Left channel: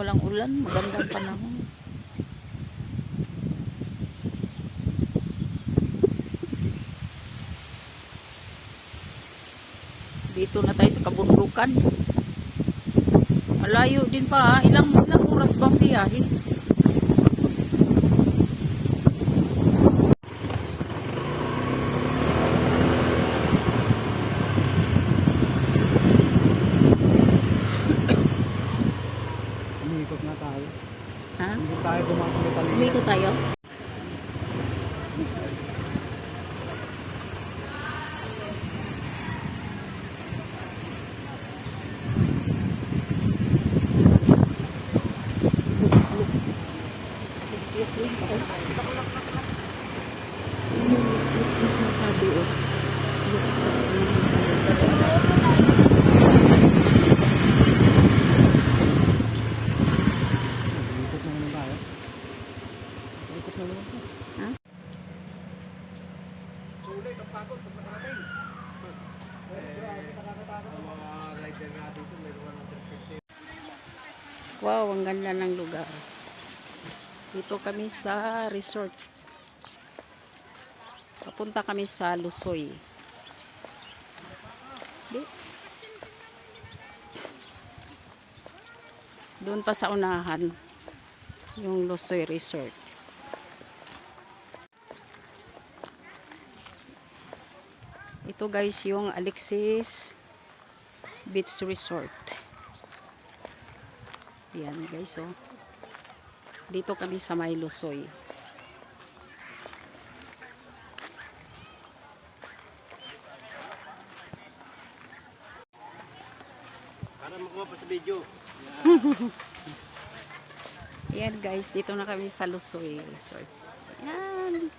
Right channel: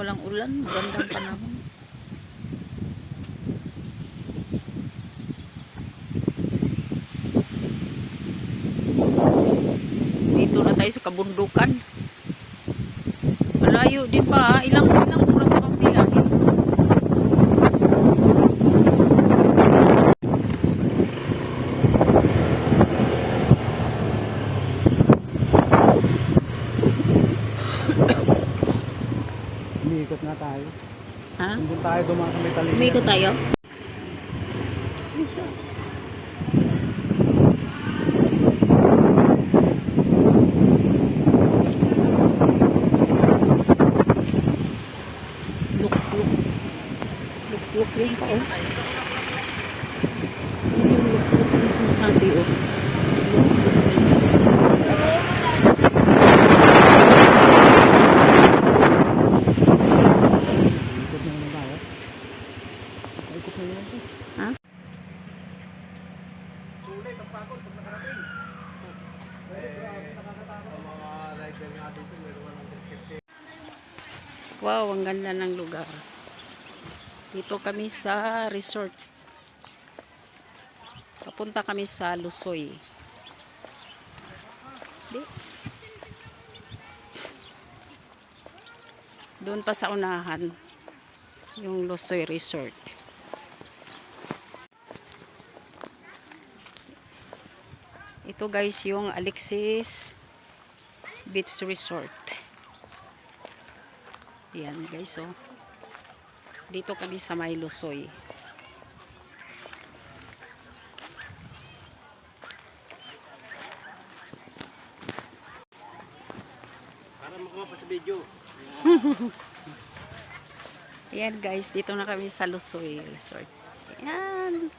walang ulan, magandang panahon. Dito na tayo sa kabundukan. Malayo din pa, ilang oras bang biyahe? Umikot na tayo. Ha? Hindi tayo doon sa Metalina. Umikot tayo? Luk rin pa eh. Yung luk mismo sabi oh. Umikot na naman tayo. Umikot na naman tayo. Ha? Sulit, magpagod pag nakarating. Nakakatakot ang mga rider natin dito. Meron ka ng 150. Wow, ang ganda ng lugar. Dito kami sa resort. Papunta kami sa Lusoy. Doon pa sa unahan, yung Lusoy Resort. Ito guys, yung Alexis Beach Resort. Yan guys, oh. Dito kami sa may Lusoy. Para makuha pa sa video. Yan guys, dito na kami sa Lusoy Resort. Yan.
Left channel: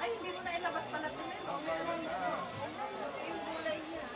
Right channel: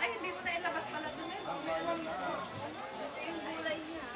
Ay, hindi mo na ilabas pala ito. Yung gulay niya.